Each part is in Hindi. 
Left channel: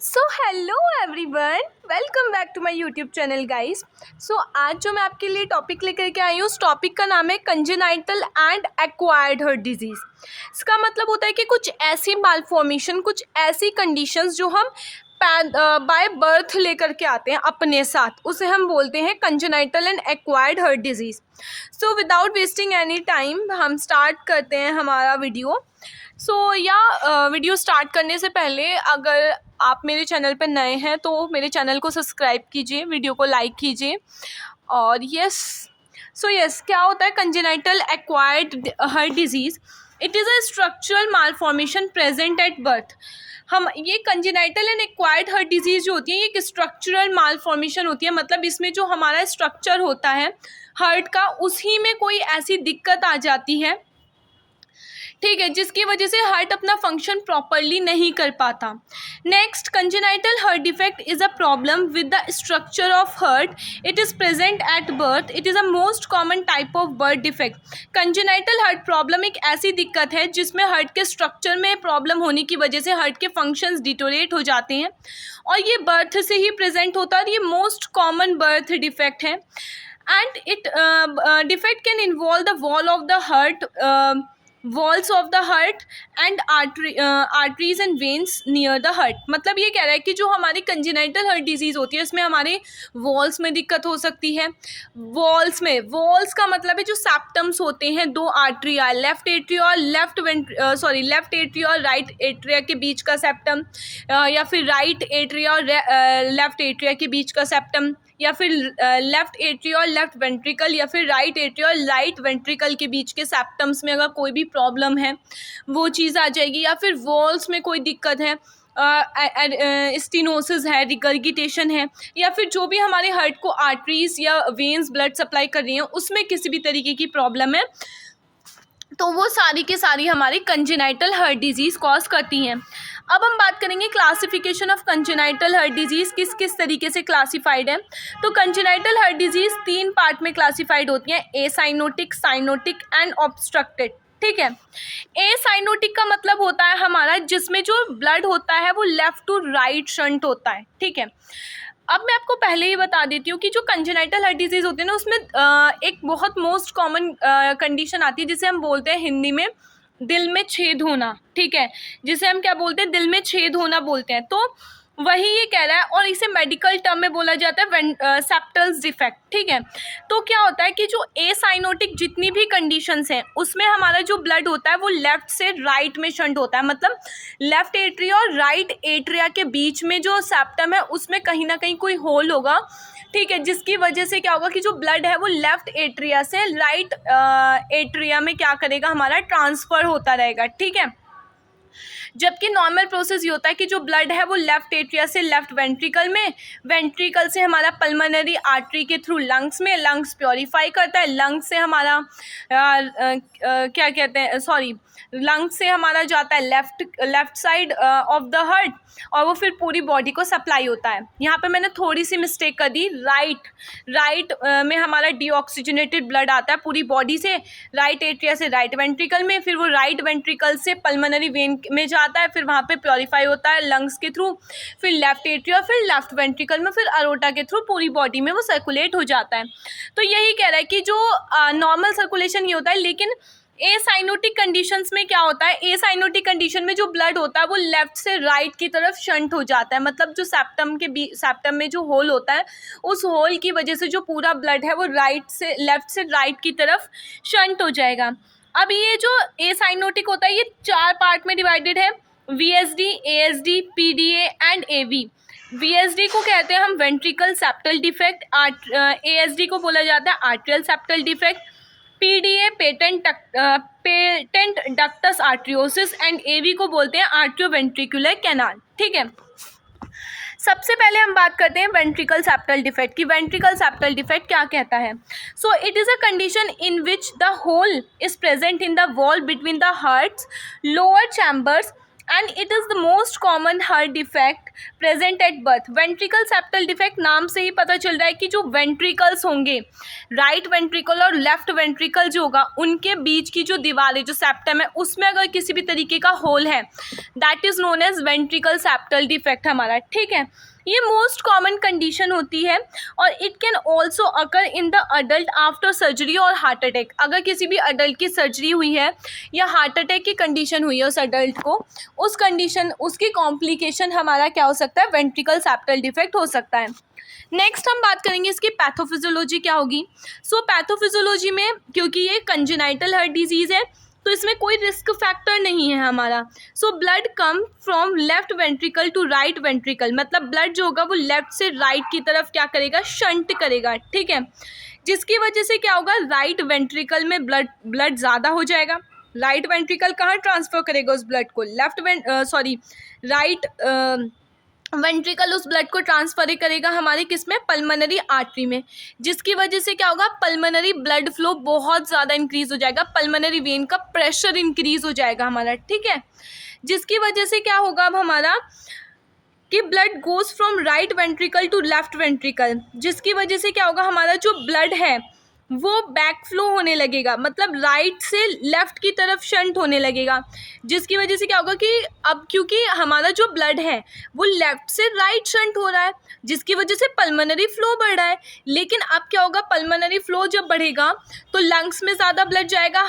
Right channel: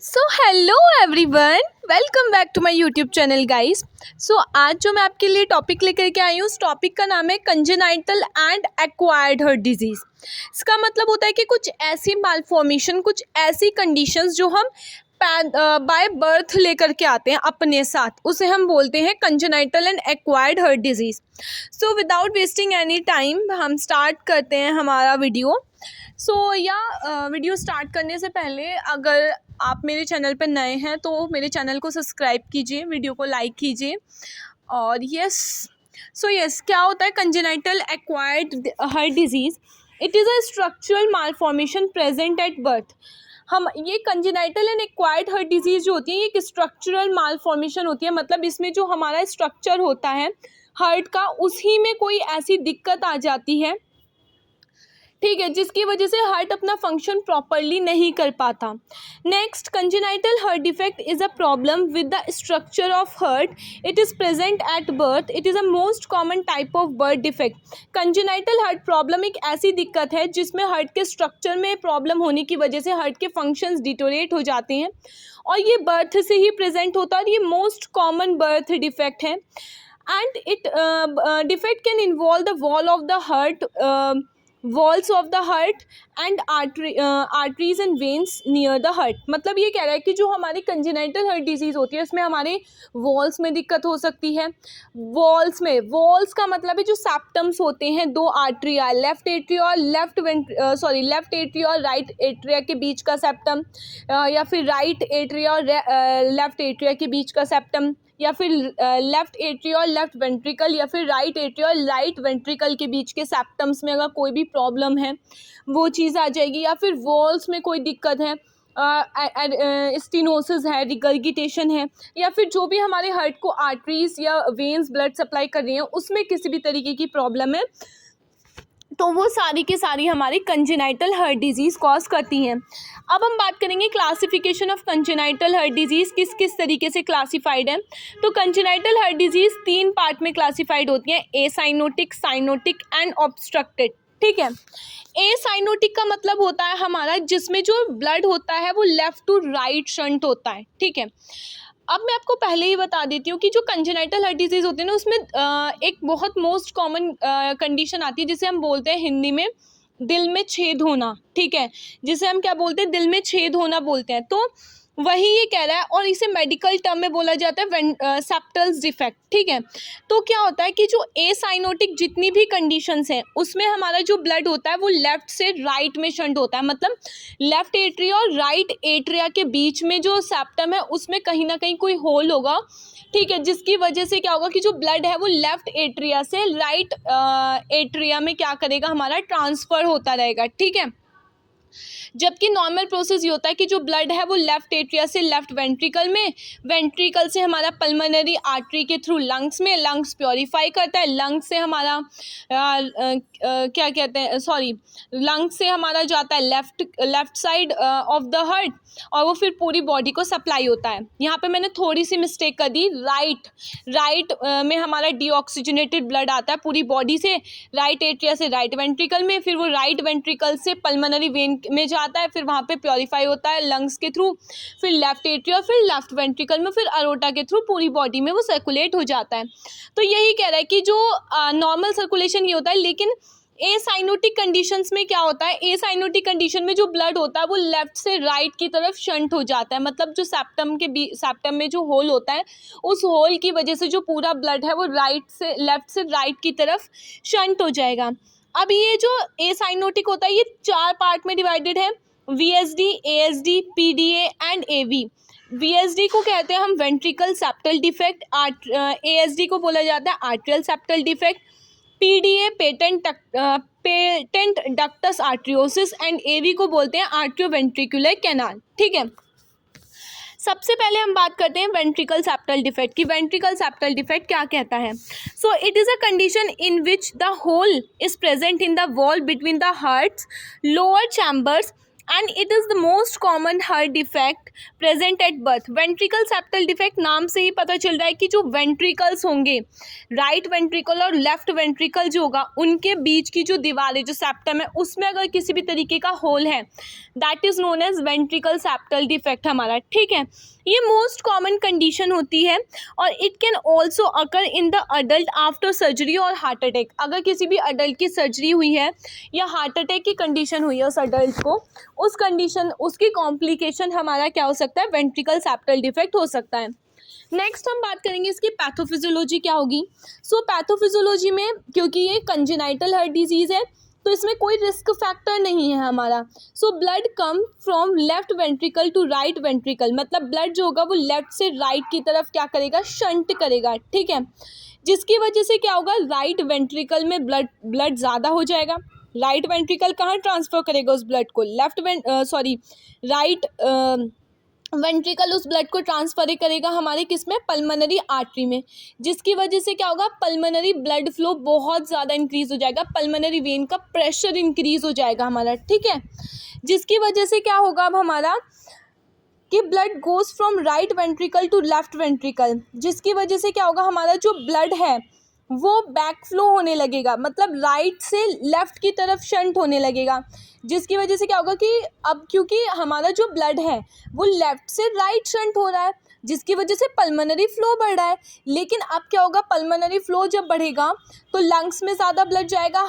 So hello everyone, welcome back to my YouTube channel guys. आज जो मैं आपके लिए टॉपिक लेकर के आई हूँ, उस टॉपिक का नाम है congenital and acquired heart disease. इसका मतलब होता है कि कुछ ऐसी मालफॉर्मेशन, कुछ ऐसी कंडीशंस जो हम बाय बर्थ लेकर के आते हैं अपने साथ, उसे हम बोलते हैं congenital and acquired heart disease. So without wasting any time हम स्टार्ट करते हैं हमारा वीडियो। वीडियो स्टार्ट करने से पहले अगर आप मेरे चैनल पर नए हैं तो मेरे चैनल को सब्सक्राइब कीजिए, वीडियो को लाइक कीजिए। और यस, क्या होता है congenital acquired heart disease? It is a structural malformation present at birth. हम ये congenital and acquired heart disease जो होती है, ये एक स्ट्रक्चरल मालफॉर्मेशन होती है। मतलब इसमें जो हमारा स्ट्रक्चर होता है हार्ट का, उसी में कोई ऐसी दिक्कत आ जाती है, ठीक है, जिसकी वजह से हार्ट अपना फंक्शन प्रॉपरली नहीं कर पाता। Next, congenital heart defect is a problem with the structure of heart. It is present at birth. It is a most common type of birth defect. Congenital heart problem एक ऐसी दिक्कत है जिसमें हार्ट के स्ट्रक्चर में प्रॉब्लम होने की वजह से हार्ट के फंक्शंस डिटोरेट हो जाते हैं, और ये बर्थ से ही प्रेजेंट होता है, और ये मोस्ट कॉमन बर्थ डिफेक्ट है। And it defect can involve the walls of the heart and arteries and veins near the heart. मतलब ये कह रहा है कि जो हमारी कंजेनाइटल हार्ट डिजीज़ होती है, इसमें हमारे वॉल्स में दिक्कत हो सकती है। वॉल्स का मतलब है जो सेप्टम्स होते हैं, दो आर्टरिया, लेफ्ट एट्रिया और लेफ्ट एट्रिया और राइट एट्रिया के बीच का सेप्टम, या फिर राइट एट्रिया और लेफ्ट एट्रिया के बीच का सेप्टम, या फिर लेफ्ट एट्रिया और लेफ्ट वेंट्रिकल, या फिर राइट एट्रिया और राइट वेंट्रिकल के बीच के सेप्टम्स में अगर कोई भी प्रॉब्लम है वो चीज़ आ जाएगी। या फिर वॉल्स में कोई दिक्कत है, स्टीनोसिस है, रिगर्गिटेशन है, या फिर जो भी हमारे हार्ट को आर्टरीज या वेन्स ब्लड सप्लाई कर रही हैं उसमें किसी भी तरीके की प्रॉब्लम है, तो वो सारी की सारी हमारी कंजेनाइटल हार्ट डिजीज़ कॉज करती हैं। अब हम बात करेंगे classification of congenital heart disease, किस किस तरीके से क्लासिफाइड है। तो कंजेनाइटल हार्ट डिजीज़ 3 पार्ट में क्लासिफाइड होती हैं: ए साइनोटिक, साइनोटिक एंड ऑब्स्ट्रक्टेड। ठीक है, ए साइनोटिक का मतलब होता है हमारा जिसमें जो ब्लड होता है वो लेफ्ट टू राइट शंट होता है। ठीक है, अब मैं आपको पहले ही बता देती हूँ कि जो कंजेनाइटल हार्ट डिजीज़ होती है ना, उसमें एक बहुत मोस्ट कॉमन कंडीशन आती है जिसे हम बोलते हैं हिंदी में दिल में छेद होना। ठीक है, जिसे हम क्या बोलते हैं, दिल में छेद होना बोलते हैं। तो वही ये कह रहा है, और इसे मेडिकल टर्म में बोला जाता है सेप्टल्स डिफेक्ट। ठीक है, तो क्या होता है कि जो ए साइनोटिक जितनी भी कंडीशंस हैं उसमें हमारा जो ब्लड होता है वो लेफ्ट से राइट में शंट होता है। मतलब लेफ्ट एट्रिया और राइट एट्रिया के बीच में जो सेप्टम है उसमें कहीं ना कहीं कोई होल होगा। ठीक है, जिसकी वजह से क्या होगा कि जो ब्लड है वो लेफ्ट एट्रिया से राइट एट्रिया में क्या करेगा, हमारा ट्रांसफ़र होता रहेगा। ठीक है, जबकि नॉर्मल प्रोसेस ये होता है कि जो ब्लड है वो लेफ्ट एट्रिया से लेफ्ट वेंट्रिकल में, वेंट्रिकल से हमारा पल्मोनरी आर्टरी के थ्रू लंग्स में, लंग्स प्योरीफाई करता है, लंग्स से हमारा क्या कहते हैं, लंग्स से हमारा जाता है left side of the heart, और वो फिर पूरी बॉडी को सप्लाई होता है। यहाँ पे मैंने थोड़ी सी मिस्टेक कर दी, राइट में हमारा डीऑक्सीजनेटेड ब्लड आता है पूरी बॉडी से, राइट एट्रिया से राइट वेंट्रिकल में, फिर वो राइट वेंट्रिकल से पल्मोनरी वेन में जाता है, फिर वहाँ पे प्योरीफाई होता है लंग्स के थ्रू, फिर लेफ्ट एट्रिया, फिर लेफ्ट वेंट्रिकल में, फिर अरोटा के थ्रू पूरी बॉडी में वो सर्कुलेट हो जाता है। तो यही कह रहा है कि जो नॉर्मल सर्कुलेशन ये होता है, लेकिन ए साइनोटिक कंडीशंस में क्या होता है, ए साइनोटिक कंडीशन में जो ब्लड होता है वो लेफ्ट से राइट की तरफ शंट हो जाता है। मतलब जो सेप्टम में जो होल होता है, उस होल की वजह से जो पूरा ब्लड है वो लेफ्ट से राइट की तरफ शंट हो जाएगा। अब ये जो ए साइनोटिक होता है ये 4 पार्ट में डिवाइडेड है: VSD, ASD, PDA and AV. VSD को कहते हैं हम वेंट्रिकल सेप्टल डिफेक्ट, एएसडी को बोला जाता है atrial septal defect, PDA patent ductus arteriosus, and AV को बोलते हैं आर्ट्रियोवेंट्रिकुलर कैनाल। ठीक है, सबसे पहले हम बात करते हैं वेंट्रिकल सेप्टल डिफेक्ट की। वेंट्रिकल सेप्टल डिफेक्ट क्या कहता है? So it is a condition in which the hole is present in the wall between the heart's lower chambers and it is the most common heart defect present at birth. Ventricle septal defect नाम से ही पता चल रहा है कि जो वेंट्रिकल्स होंगे, राइट वेंट्रिकल और लेफ्ट वेंट्रिकल जो होगा, उनके बीच की जो दीवार है, जो सेप्टम है, उसमें अगर किसी भी तरीके का होल है, that is known as ventricle septal defect हमारा, ठीक है। ये मोस्ट कॉमन कंडीशन होती है और it can also occur in the adult after surgery और हार्ट अटैक। अगर किसी भी अडल्ट की सर्जरी हुई है या हार्ट अटैक की कंडीशन हुई है उस अडल्ट को, उस कंडीशन, उसकी कॉम्प्लिकेशन हमारा क्या हो सकता है, वेंट्रिकल सेप्टल डिफेक्ट हो सकता है। नेक्स्ट हम बात करेंगे इसकी पैथोफिजियोलॉजी क्या होगी। सो पैथोफिजियोलॉजी में, क्योंकि ये कंजेनाइटल हार्ट डिजीज़ है, तो इसमें कोई रिस्क फैक्टर नहीं है हमारा। So blood come from left ventricle to right ventricle, मतलब ब्लड जो होगा वो लेफ्ट से राइट की तरफ क्या करेगा, शंट करेगा, ठीक है। जिसकी वजह से क्या होगा, राइट वेंट्रिकल में ब्लड ज़्यादा हो जाएगा। राइट वेंट्रिकल कहाँ ट्रांसफर करेगा उस ब्लड को, राइट वेंट्रिकल उस ब्लड को ट्रांसफर करेगा हमारे किस में, पल्मोनरी आर्टरी में, जिसकी वजह से क्या होगा, पल्मोनरी ब्लड फ्लो बहुत ज़्यादा इंक्रीज हो जाएगा, पल्मोनरी वेन का प्रेशर इंक्रीज हो जाएगा हमारा, ठीक है। जिसकी वजह से क्या होगा अब हमारा कि blood goes from right ventricle to left ventricle, जिसकी वजह से क्या होगा, हमारा जो ब्लड है वो बैक फ्लो होने लगेगा, मतलब राइट से लेफ्ट की तरफ शंट होने लगेगा, जिसकी वजह से क्या होगा कि अब क्योंकि हमारा जो ब्लड है वो लेफ्ट से राइट शंट हो रहा है, जिसकी वजह से पल्मोनरी फ्लो बढ़ रहा है। लेकिन अब क्या होगा, पल्मोनरी फ्लो जब बढ़ेगा तो लंग्स में ज़्यादा ब्लड जाएगा,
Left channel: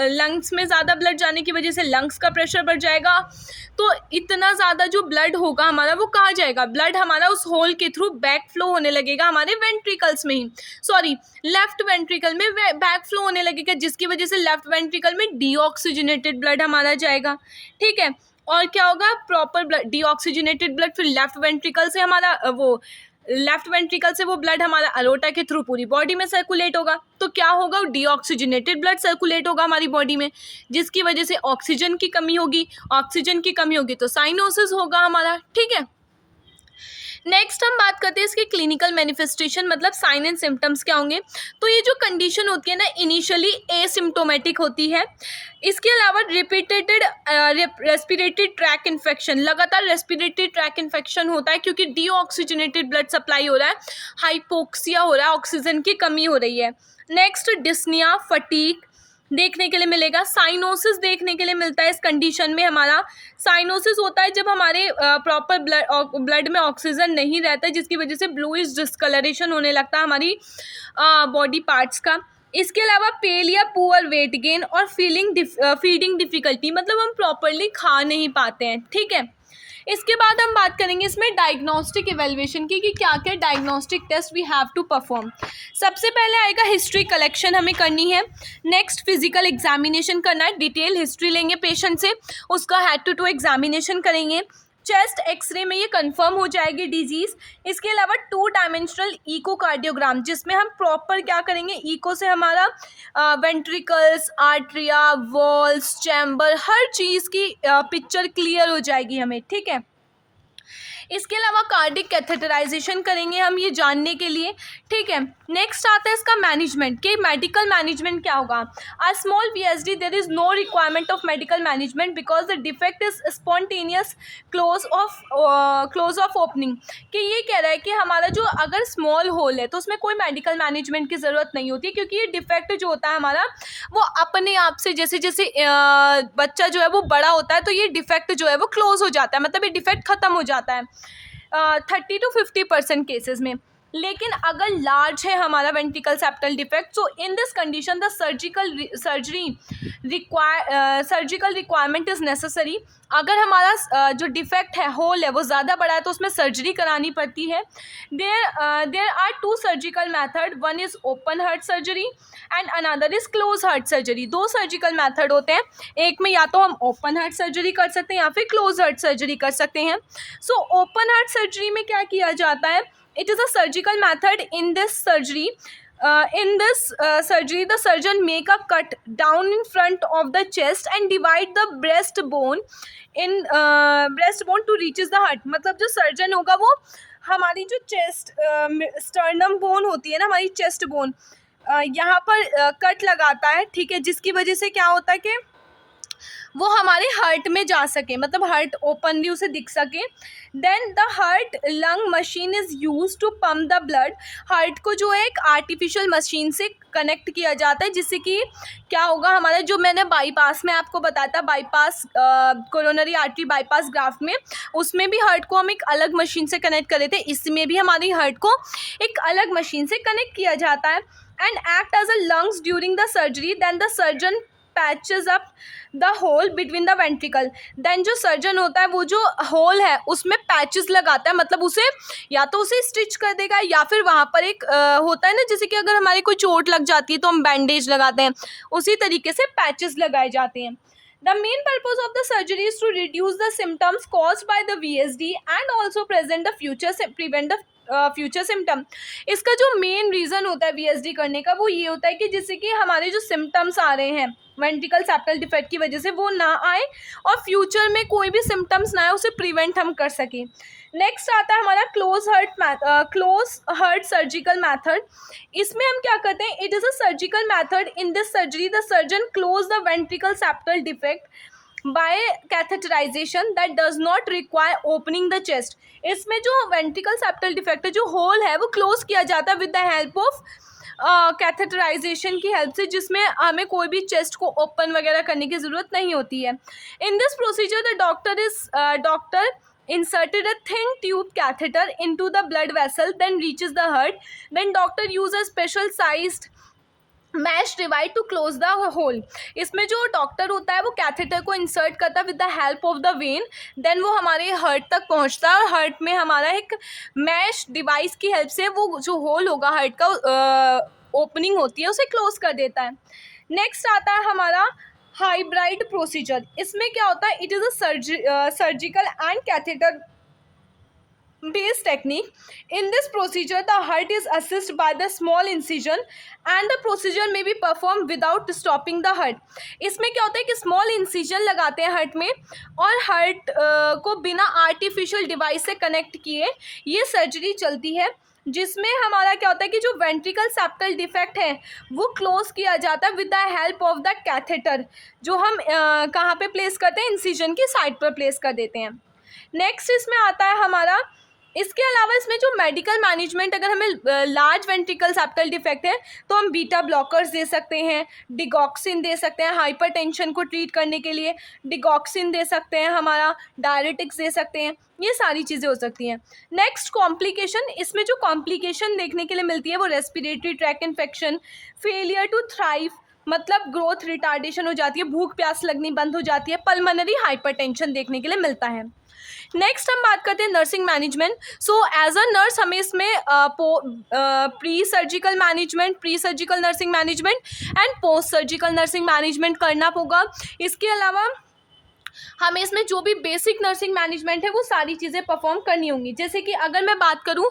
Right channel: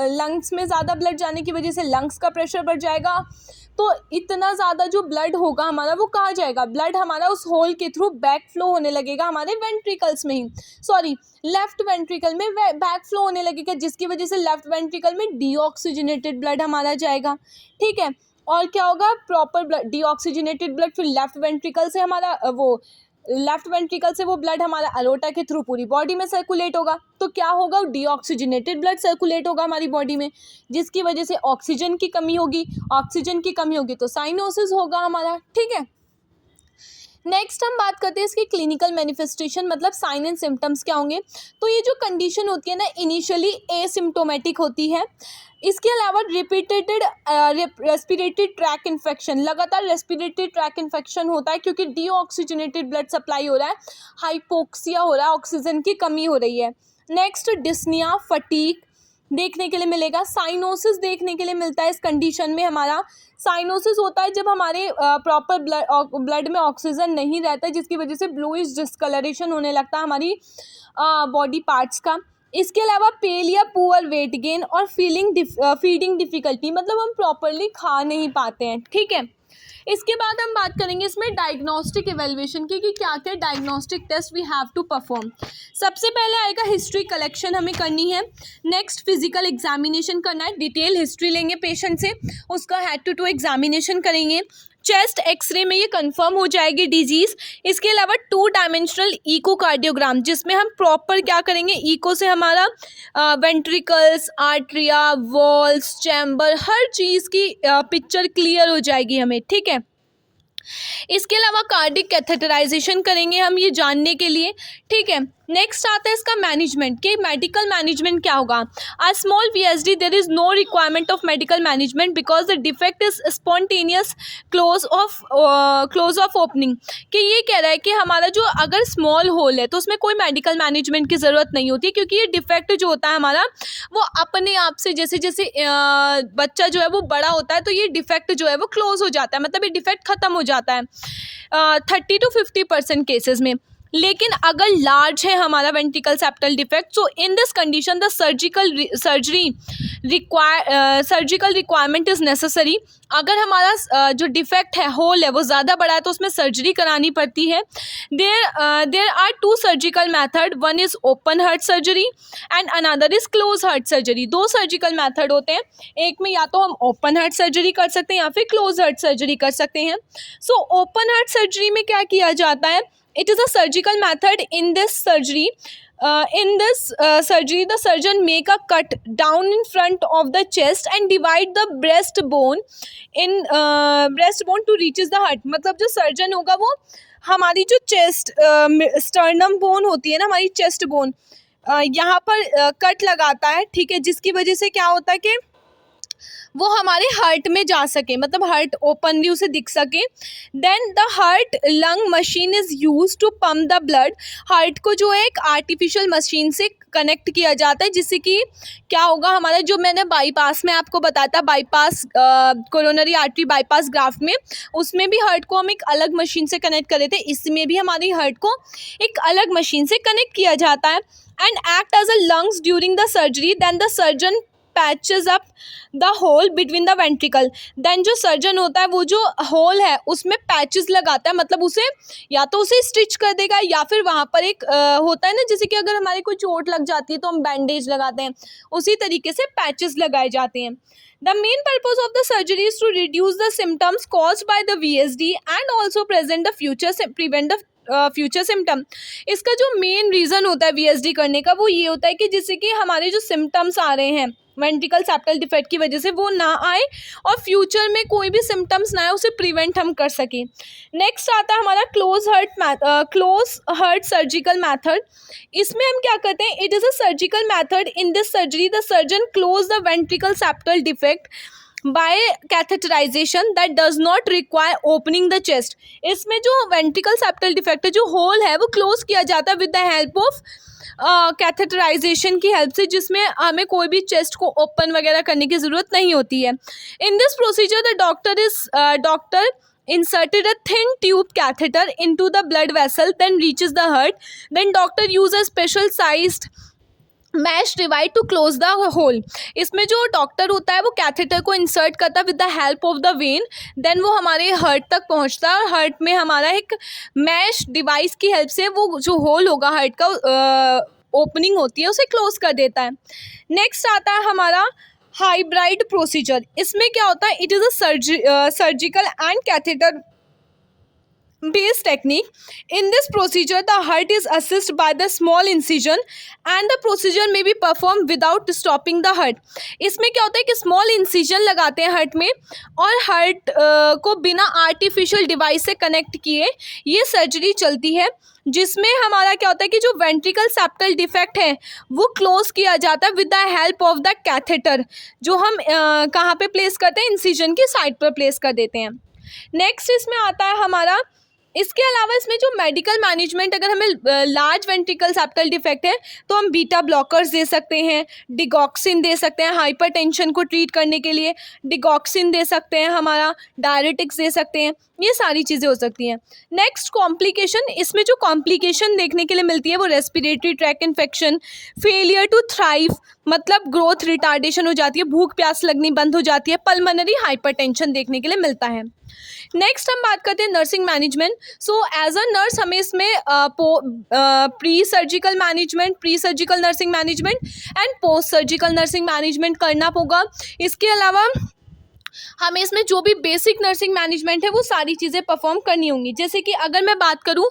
लंग्स में ज़्यादा ब्लड जाने की वजह से लंग्स का प्रेशर बढ़ जाएगा। तो इतना ज़्यादा जो ब्लड होगा हमारा वो कहाँ जाएगा, ब्लड हमारा उस होल के थ्रू बैक फ्लो होने लगेगा हमारे वेंट्रिकल्स में ही, सॉरी लेफ्ट वेंट्रिकल में बैक फ्लो होने लगेगा, जिसकी वजह से लेफ्ट वेंट्रिकल में डीऑक्सीजनेटेड ब्लड हमारा जाएगा, ठीक है। और क्या होगा, प्रॉपर ब्लड, डीऑक्सीजनेटेड ब्लड फिर लेफ्ट वेंट्रिकल से हमारा लेफ्ट वेंट्रिकल से वो ब्लड हमारा अलोटा के थ्रू पूरी बॉडी में सर्कुलेट होगा, तो क्या होगा, डीऑक्सीजनेटेड ब्लड सर्कुलेट होगा हमारी बॉडी में, जिसकी वजह से ऑक्सीजन की कमी होगी, ऑक्सीजन की कमी होगी तो साइनोसिस होगा हमारा, ठीक है। नेक्स्ट हम बात करते हैं इसके क्लिनिकल मैनिफेस्टेशन, मतलब साइन एंड सिम्टम्स क्या होंगे। तो ये जो कंडीशन होती है ना, इनिशियली एसिम्टोमेटिक होती है। इसके अलावा रिपीटेटेड रेस्पिरेटरी ट्रैक इन्फेक्शन, लगातार रेस्पिरेटरी ट्रैक इन्फेक्शन होता है क्योंकि डीऑक्सीजनेटेड ब्लड सप्लाई हो रहा है, हाइपोक्सिया हो रहा है, ऑक्सीजन की कमी हो रही है। नेक्स्ट डिस्निया, फटीग देखने के लिए मिलेगा। साइनोसिस देखने के लिए मिलता है इस कंडीशन में हमारा। साइनोसिस होता है जब हमारे प्रॉपर ब्लड में ऑक्सीजन नहीं रहता है, जिसकी वजह से ब्लूइश डिस्कलरेशन होने लगता है हमारी बॉडी पार्ट्स का। इसके अलावा पेल या पुअर वेट गेन और फीडिंग डिफिकल्टी, मतलब हम प्रॉपरली खा नहीं पाते हैं, ठीक है। इसके बाद हम बात करेंगे इसमें डायग्नोस्टिक इवेल्युएशन की कि क्या क्या diagnostic test we have to perform. सबसे पहले आएगा हिस्ट्री कलेक्शन हमें करनी है। नेक्स्ट फिजिकल एग्जामिनेशन करना है, डिटेल हिस्ट्री लेंगे पेशेंट से, उसका हेड टू टू एग्जामिनेशन करेंगे। चेस्ट एक्सरे में ये कंफर्म हो जाएगी डिजीज़। इसके अलावा 2 डायमेंशनल इकोकार्डियोग्राम, जिसमें हम प्रॉपर क्या करेंगे, इको से हमारा वेंट्रिकल्स, आर्ट्रिया, वॉल्स, चैम्बर, हर चीज़ की पिक्चर क्लियर हो जाएगी हमें, ठीक है। इसके अलावा कार्डिक कैथेटराइजेशन करेंगे हम ये जानने के लिए, ठीक है। नेक्स्ट आता है इसका मैनेजमेंट, कि मेडिकल मैनेजमेंट क्या होगा। A small VSD there is no requirement of medical management because the defect is spontaneous close of opening, कि ये कह रहा है कि हमारा जो अगर स्मॉल होल है तो उसमें कोई मेडिकल मैनेजमेंट की ज़रूरत नहीं होती, क्योंकि ये डिफेक्ट जो होता है हमारा वो अपने आप से, जैसे जैसे बच्चा जो है वो बड़ा होता है तो ये डिफेक्ट जो है वो क्लोज हो जाता है, मतलब ये डिफेक्ट खत्म हो जाता है 30 to 50% केसेस में। लेकिन अगर लार्ज है हमारा ventricle septal defect, so in this condition the surgical requirement is necessary. अगर हमारा जो डिफेक्ट है, होल है, वो ज़्यादा बड़ा है तो उसमें सर्जरी करानी पड़ती है। There are 2 surgical method, one is open heart surgery and another is close heart surgery. 2 surgical method होते हैं, एक में या तो हम ओपन हार्ट सर्जरी कर सकते हैं या फिर क्लोज हार्ट सर्जरी कर सकते हैं। सो ओपन हार्ट सर्जरी में क्या किया जाता है, it is a surgical method. In this surgery the surgeon make a cut down in front of the chest and divide the breastbone to reaches the heart। मतलब जो सर्जन होगा वो हमारी जो चेस्ट स्टर्नम बोन होती है ना, हमारी चेस्ट बोन, यहाँ पर कट लगाता है, ठीक है, जिसकी वजह से क्या होता है कि वो हमारे हार्ट में जा सके, मतलब हार्ट ओपनली उसे दिख सके। Then the heart lung machine is use to pump the blood. Heart को जो है एक आर्टिफिशियल मशीन से कनेक्ट किया जाता है, जिससे कि क्या होगा, हमारा जो मैंने बाईपास में आपको बताया था, bypass coronary artery bypass graft में, उसमें भी हार्ट को हम एक अलग मशीन से कनेक्ट कर देते हैं, इसमें भी हमारी हार्ट को एक अलग मशीन से कनेक्ट किया जाता है। And act as a lungs during the surgery, then the surgeon patches up the hole between the ventricle. देन जो सर्जन होता है वो जो होल है उसमें पैचेस लगाता है, मतलब उसे या तो उसे स्टिच कर देगा या फिर वहाँ पर एक होता है ना, जैसे कि अगर हमारी कोई चोट लग जाती है तो हम बैंडेज लगाते हैं, उसी तरीके से पैचेस लगाए जाते हैं। The main purpose of the surgery is to reduce the symptoms caused by the VSD and also prevent the future symptom. इसका जो मेन रीज़न होता है VSD करने का वो ये होता है कि जिससे कि हमारे जो सिम्टम्स आ रहे हैं वेंट्रिकल सेप्टल डिफेक्ट की वजह से वो ना आए और फ्यूचर में कोई भी सिम्टम्स ना आए, उसे प्रिवेंट हम कर सकें। नेक्स्ट आता है हमारा क्लोज हार्ट सर्जिकल मैथड। इसमें हम क्या करते हैं, it is a surgical method. In this surgery the surgeon close the ventricle septal defect by catheterization that does not require opening the chest. इसमें जो वेंट्रिकल सेप्टल डिफेक्ट है, जो होल है, वो क्लोज किया जाता है with the help of catheterization की हेल्प से, जिसमें हमें कोई भी चेस्ट को ओपन वगैरह करने की ज़रूरत नहीं होती है। In this procedure the doctor inserted a thin tube catheter into the blood vessel, then reaches the heart. Then doctor use a special sized mesh divide to close the hole. इसमें जो डॉक्टर होता है वो कैथेटर को इंसर्ट करता है with the help of the vein, then वो हमारे हार्ट तक पहुंचता है। हार्ट में हमारा एक मैश डिवाइस की हेल्प से वो जो होल होगा हार्ट का ओपनिंग होती है उसे क्लोज कर देता है। नेक्स्ट आता है हमारा हाइब्रिड प्रोसीजर। इसमें क्या होता है, it is a surgical and catheter based technique. In this procedure the heart is assisted by the small incision and the procedure may be performed without stopping the heart. इसमें क्या होता है कि स्मॉल इंसिजन लगाते हैं हार्ट में और हार्ट को बिना आर्टिफिशियल डिवाइस से कनेक्ट किए ये सर्जरी चलती है, जिसमें हमारा क्या होता है कि जो वेंट्रिकल सेप्टल डिफेक्ट है वो क्लोज किया जाता है with the help of the catheter, जो हम कहाँ पे प्लेस करते हैं, इंसिजन की साइड पर प्लेस कर देते हैं। नेक्स्ट इसमें आता है हमारा, इसके अलावा इसमें जो मेडिकल मैनेजमेंट, अगर हमें लार्ज वेंट्रिकल सेप्टल डिफेक्ट है तो हम बीटा ब्लॉकर्स दे सकते हैं, डिगॉक्सिन दे सकते हैं हाइपरटेंशन को ट्रीट करने के लिए, डिगॉक्सिन दे सकते हैं, हमारा डायरेटिक्स दे सकते हैं, ये सारी चीज़ें हो सकती हैं। नेक्स्ट कॉम्प्लिकेशन, इसमें जो कॉम्प्लिकेशन देखने के लिए मिलती है वो respiratory track infection, failure to thrive, मतलब ग्रोथ रिटार्डेशन हो जाती है, भूख प्यास लगनी बंद हो जाती है, पल्मोनरी हाइपरटेंशन देखने के लिए मिलता है। नेक्स्ट हम बात करते हैं nursing management. So as a nurse हमें इसमें pre surgical nursing management and post surgical nursing management करना होगा। इसके अलावा हमें इसमें जो भी बेसिक नर्सिंग मैनेजमेंट है वो सारी चीज़ें परफॉर्म करनी होंगी। जैसे कि अगर मैं बात करूं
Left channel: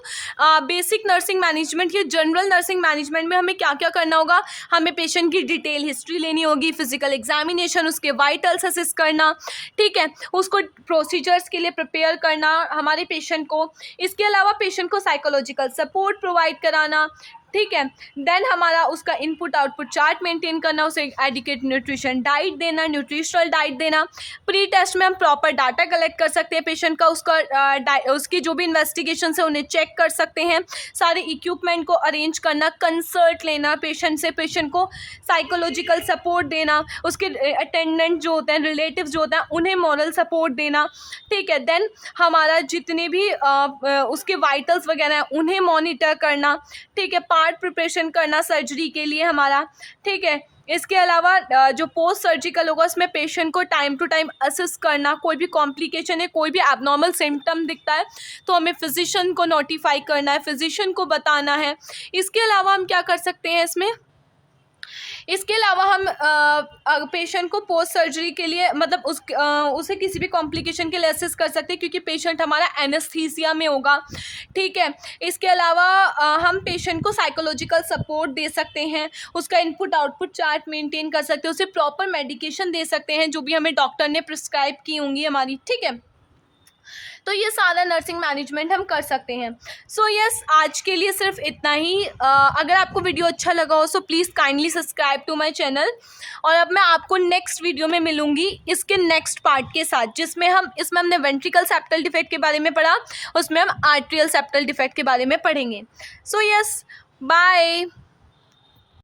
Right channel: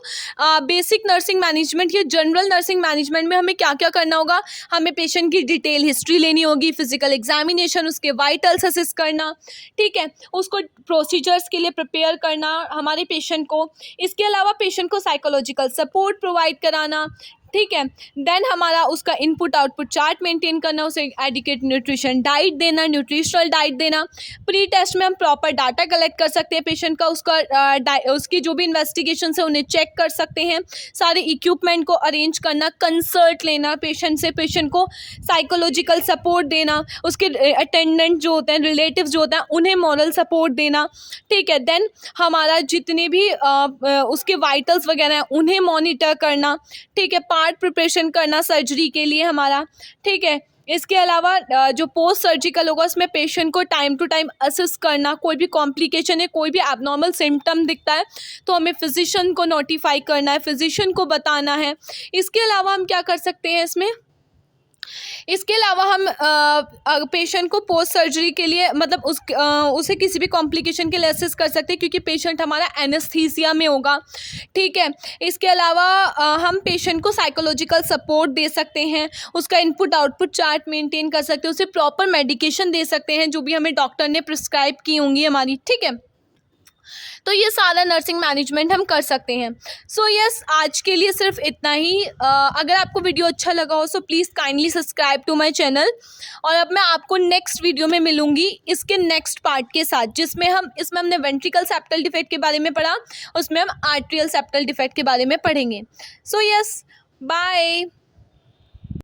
बेसिक नर्सिंग मैनेजमेंट या जनरल नर्सिंग मैनेजमेंट में हमें क्या क्या करना होगा, हमें पेशेंट की डिटेल हिस्ट्री लेनी होगी, फिजिकल एग्जामिनेशन, उसके वाइटल्स असेस करना, ठीक है, उसको प्रोसीजर्स के लिए प्रिपेयर करना हमारे पेशेंट को। इसके अलावा पेशेंट को साइकोलॉजिकल सपोर्ट प्रोवाइड कराना, ठीक है। देन हमारा उसका इनपुट आउटपुट चार्ट मेंटेन करना, उसे एडिक्वेट न्यूट्रिशन डाइट देना, न्यूट्रिशनल डाइट देना। प्री टेस्ट में हम प्रॉपर डाटा कलेक्ट कर सकते हैं पेशेंट का, उसकी जो भी इन्वेस्टिगेशन है उन्हें चेक कर सकते हैं, सारे इक्विपमेंट को अरेंज करना, कंसल्ट लेना पेशेंट से, पेशेंट को साइकोलॉजिकल सपोर्ट देना, उसके अटेंडेंट जो होते हैं, रिलेटिव जो होते हैं, उन्हें मॉरल सपोर्ट देना, ठीक है। देन हमारा जितने भी उसके वाइटल्स वगैरह हैं उन्हें मॉनिटर करना, ठीक है, पार्ट प्रिपरेशन करना सर्जरी के लिए हमारा, ठीक है। इसके अलावा जो पोस्ट सर्जिकल होगा उसमें पेशेंट को टाइम टू टाइम असेस करना, कोई भी कॉम्प्लिकेशन है, कोई भी एबनॉर्मल सिम्टम दिखता है तो हमें फिजिशियन को नोटिफाई करना है, फिजिशियन को बताना है। इसके अलावा हम क्या कर सकते हैं इसके अलावा हम पेशेंट को पोस्ट सर्जरी के लिए, मतलब उसे किसी भी कॉम्प्लिकेशन के लिए असेस कर सकते हैं क्योंकि पेशेंट हमारा एनेस्थीसिया में होगा, ठीक है। इसके अलावा हम पेशेंट को साइकोलॉजिकल सपोर्ट दे सकते हैं, उसका इनपुट आउटपुट चार्ट मेंटेन कर सकते हैं, उसे प्रॉपर मेडिकेशन दे सकते हैं जो भी हमें डॉक्टर ने प्रिस्क्राइब की होंगी हमारी, ठीक है। तो ये सारा नर्सिंग मैनेजमेंट हम कर सकते हैं। सो यस, आज के लिए सिर्फ इतना ही। अगर आपको वीडियो अच्छा लगा हो so please kindly subscribe to my channel. और अब मैं आपको नेक्स्ट वीडियो में मिलूंगी इसके नेक्स्ट पार्ट के साथ, इसमें हमने वेंट्रिकल सेप्टल डिफेक्ट के बारे में पढ़ा, उसमें हम आर्ट्रियल सेप्टल डिफेक्ट के बारे में पढ़ेंगे। So yes, bye.